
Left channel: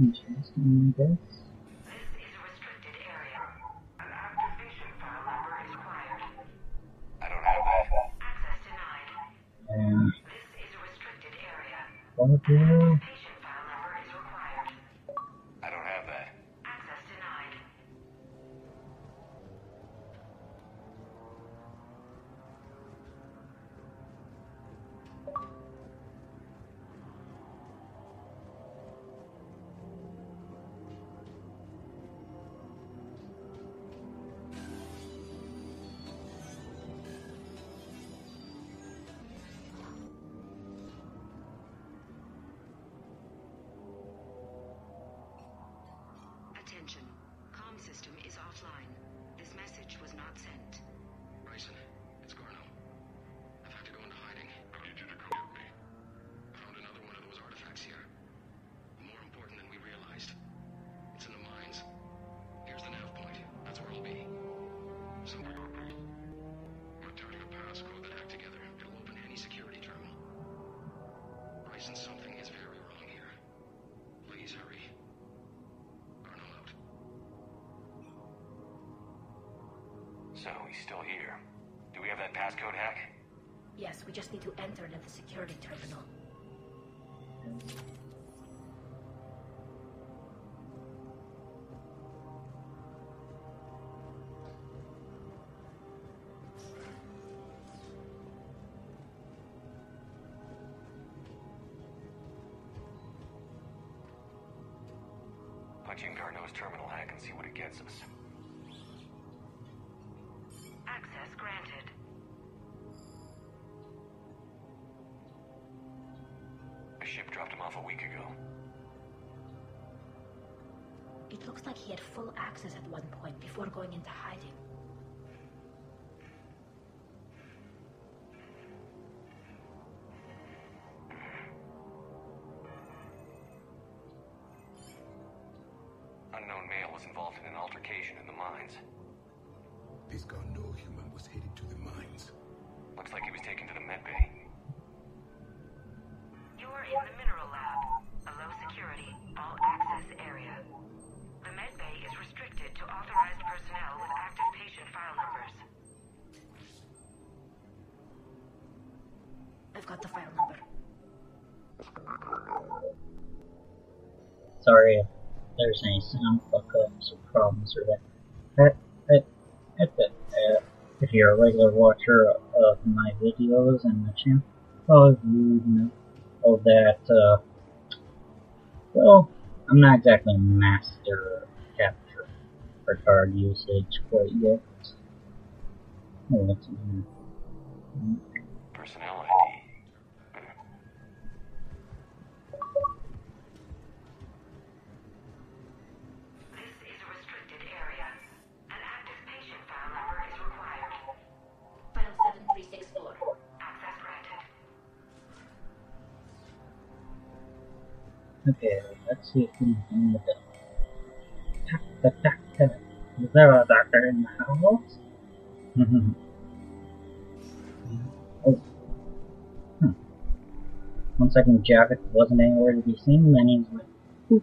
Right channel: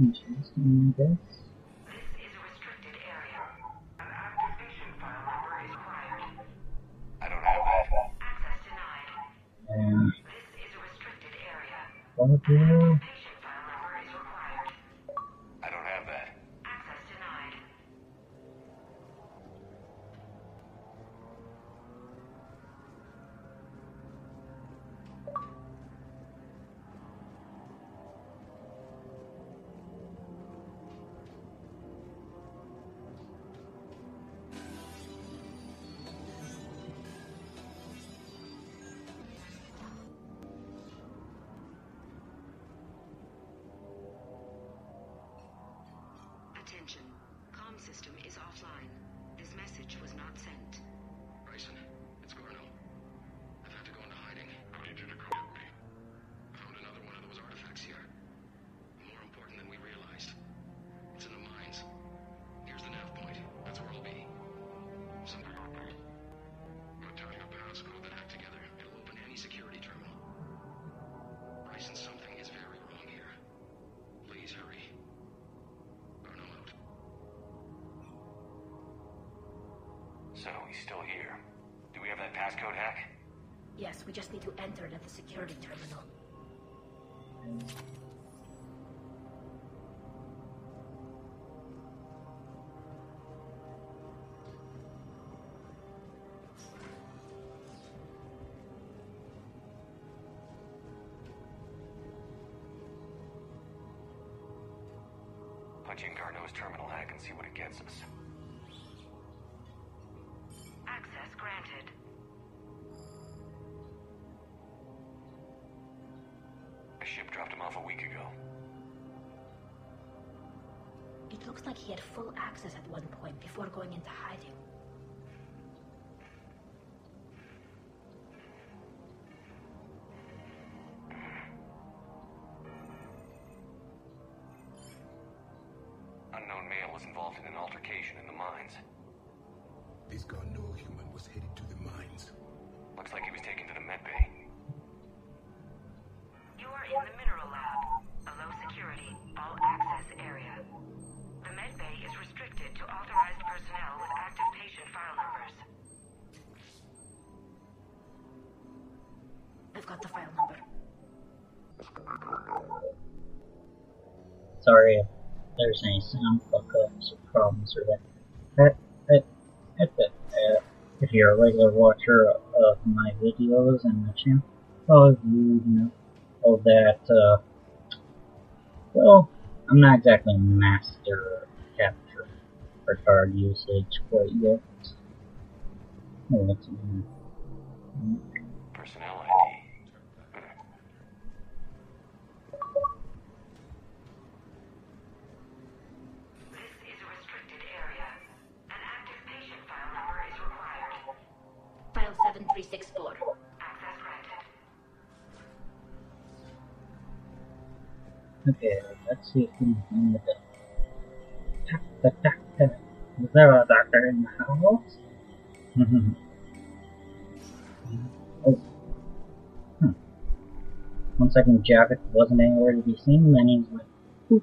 Interesting, I guess. This is a restricted area. An activation file number is required. I don't have that. Access denied. And This is a restricted area. okay. Activation file number is required. I don't have that. Access denied. Attention. Comm system is offline. This message was not sent. Bryson, it's Garno. I've had to go into hiding. I need you to come get me. I found another one of those artifacts here. More important than we realized. It's in the mines. Here's the nav point. That's where I'll be. Something open. I'm attaching a passcode that hacked together. It'll open any security terminal. Bryson, something is very wrong here. Please hurry. Garno out. So he's still here. Do we have that passcode hack? Yes, we just need to enter it at the security terminal. Punch in Garneau's terminal hack and see what it gets us. Access granted. A ship dropped him off a week ago. It looks like he had full access at one point before going into hiding. Unknown male was involved in an altercation in the mines. This Garneau human was headed to the mines. Looks like he was taken to the med bay. You are in the mineral lab, a low security, all access area. The med bay is restricted to authorized personnel with active patient file numbers. I've got the file number. Sorry if there's any sound fuck-ups or problems or that. If you're a regular watcher of my videos and the channel, well, you know that, well, I'm not exactly a master of capture card usage quite yet. Oh, what's in here? Personnel ID. This is a restricted area. An active patient file number is required. File 7364. Access granted. Okay, let's see if we can find the doctor. Is there a doctor in the house? Oh. One second, Javik wasn't anywhere to be seen, then he's like, poof.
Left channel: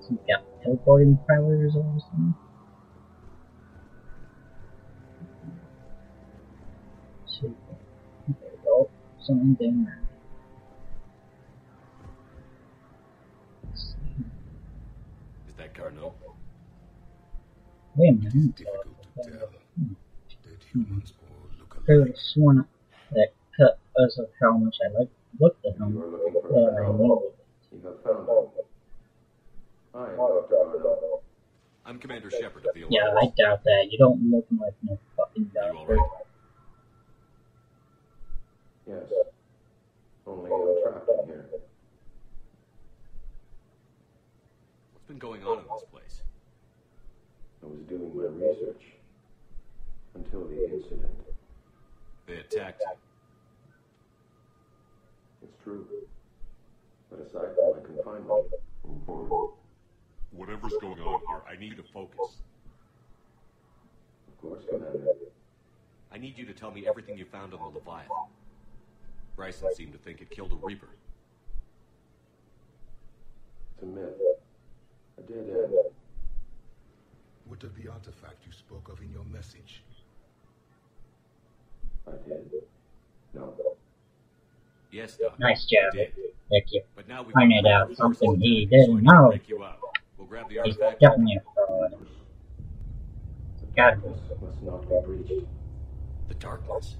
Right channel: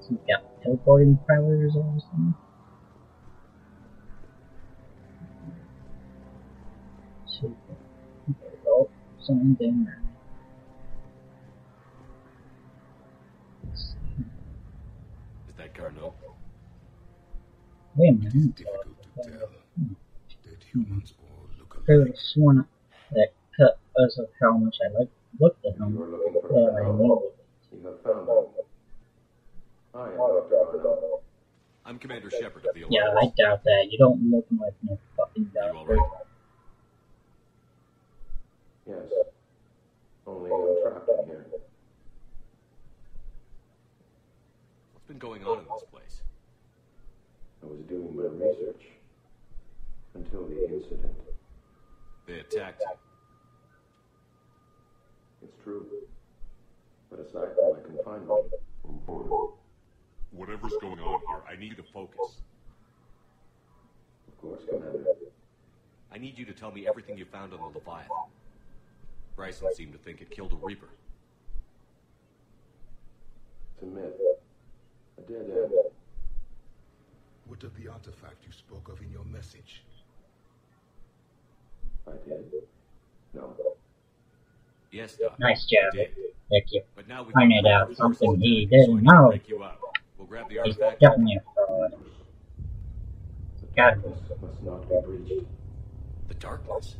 So he's got teleporting powers or something. Super. There we go. Something there. Let's see. Is that Carnot? Wait a minute. It is difficult to tell. Dead humans all look I could alike. have sworn that cut us of how much I looked at him. You are looking for I Carnot. knew You have found him. I am Dr. Garneau. I'm Commander Shepard of the it. Yeah, Alliance. I doubt that. You don't look like no fucking Are you doctor. alright? Yes. Only I'm trapped in here. What's been going on in this place? I was doing my research. Until the incident. They attacked you. It's true. But aside from my confinement, Whatever's going on here, I need you to focus. of course, Commander. I need you to tell me everything you found on the Leviathan. Bryson seemed to think it killed a Reaper. It's a myth. A dead end. What of the artifact you spoke of in your message? I did? No. Yes, Doc. Nice job. you did. Thank you. But now we Pointed out something he didn't know. Break you up. We'll grab the He's artifact. definitely a fraud. The Gotta be. darkness must not be breached. The darkness.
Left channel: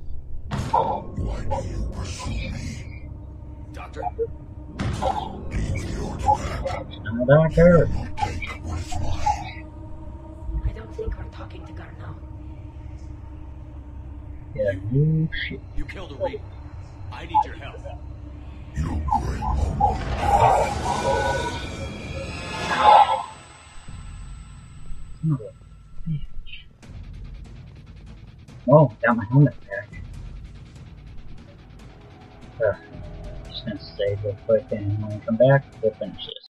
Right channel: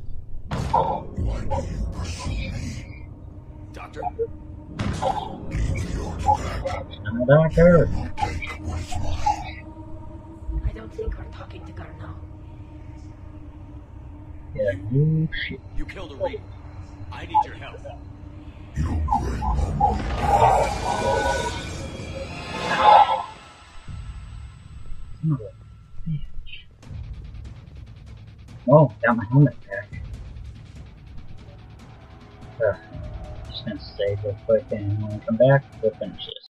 Doctor? I'm a doctor. I don't think we're talking to Garneau. Yeah, you shit. You killed a Reaper. I need your help. Son of a bitch. Oh, got my helmet back. Just gonna save real quick, and when we come back, we'll finish this.